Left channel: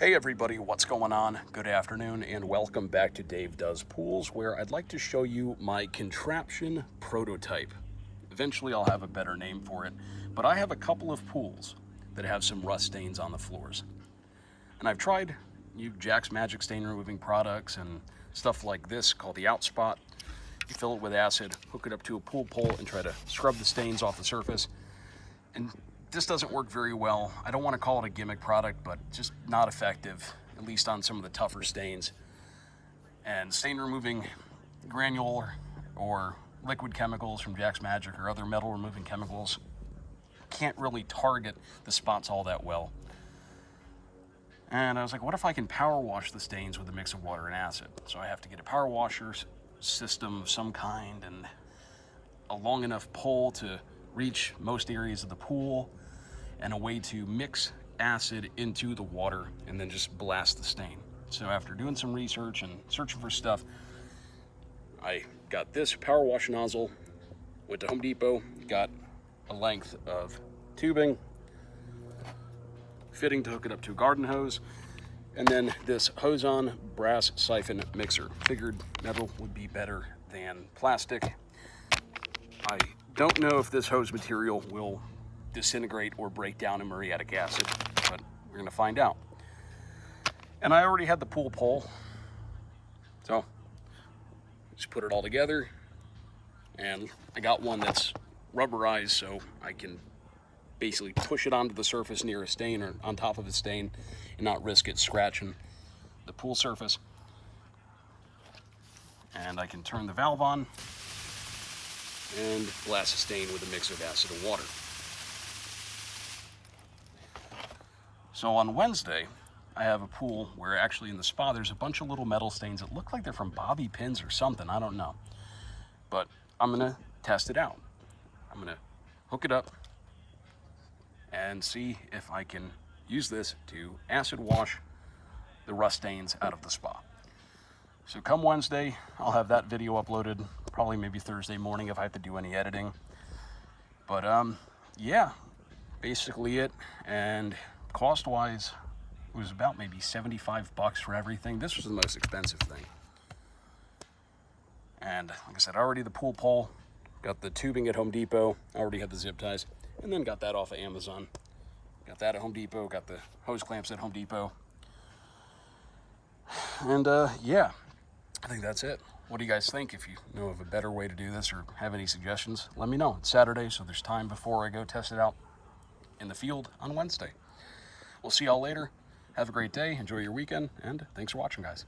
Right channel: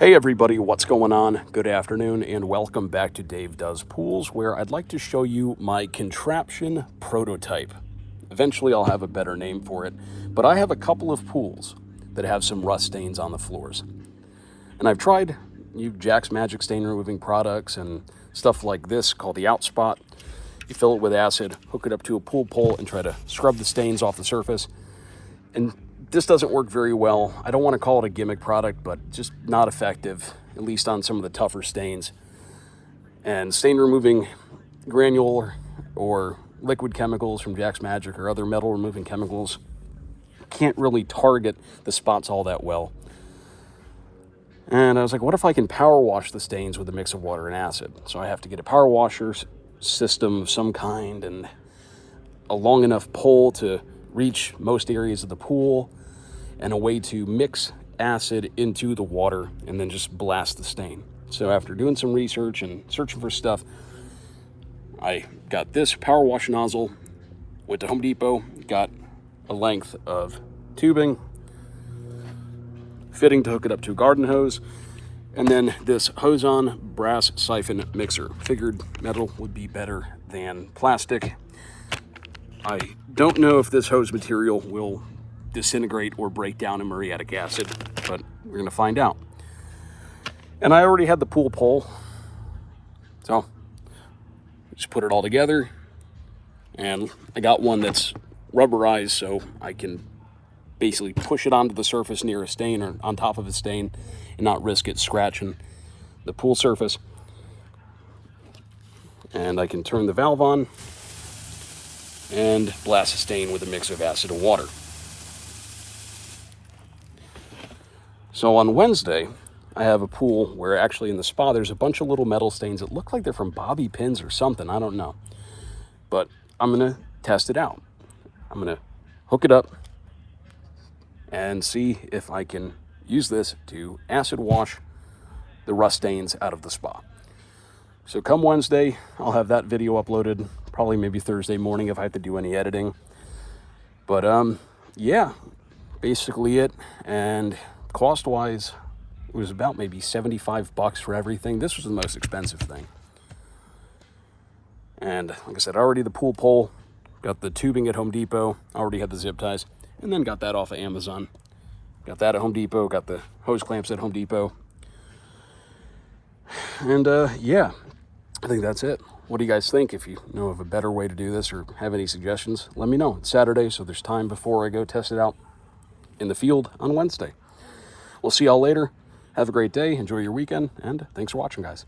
Hey everybody, what's going on? Good afternoon and welcome back to Dave Does Pools, where I'd like to show you my contraption prototype. Eventually I'll have a better name for it, but I have a couple of pools that have some rust stains on the floors. And I've tried Jack's Magic stain removing products and stuff like this called the Outspot. You fill it with acid, hook it up to a pool pole and try to scrub the stains off the surface. And this doesn't work very well. I don't want to call it a gimmick product, but just not effective, at least on some of the tougher stains. And stain removing granular or liquid chemicals from Jack's Magic or other metal removing chemicals can't really target the spots all that well. And I was like, what if I can power wash the stains with a mix of water and acid? So I have to get a power washer system of some kind and a long enough pole to reach most areas of the pool, and a way to mix acid into the water and then just blast the stain. So after doing some research and searching for stuff, I got this power wash nozzle, went to Home Depot, got a length of tubing, fitting to hook it up to a garden hose, and then this hose-on brass siphon mixer. Figured metal would be better than plastic. I don't know if this hose material will disintegrate or break down in muriatic acid, but we're gonna find out. And I already had the pool pole, so just put it all together. And I got one that's rubberized, so I can basically push it onto the surface near a stain or on top of a stain and not risk it scratching the pool surface. And I can turn the valve on and blast the stain with a mix of acid and water. So on Wednesday, I have a pool where actually in the spa there's a bunch of little metal stains that look like they're from bobby pins or something, I don't know. But I'm gonna test it out. I'm gonna hook it up and see if I can use this to acid wash the rust stains out of the spa. So come Wednesday, I'll have that video uploaded, probably maybe Thursday morning if I have to do any editing. But yeah, basically it. And cost-wise, it was about maybe $75 for everything. This was the most expensive thing. And like I said, already the pool pole, got the tubing at Home Depot, already had the zip ties, and then got that off of Amazon. Got that at Home Depot, got the hose clamps at Home Depot. And yeah, I think that's it. What do you guys think? If you know of a better way to do this or have any suggestions, let me know. It's Saturday, so there's time before I go test it out in the field on Wednesday. We'll see y'all later. Have a great day. Enjoy your weekend, and thanks for watching, guys.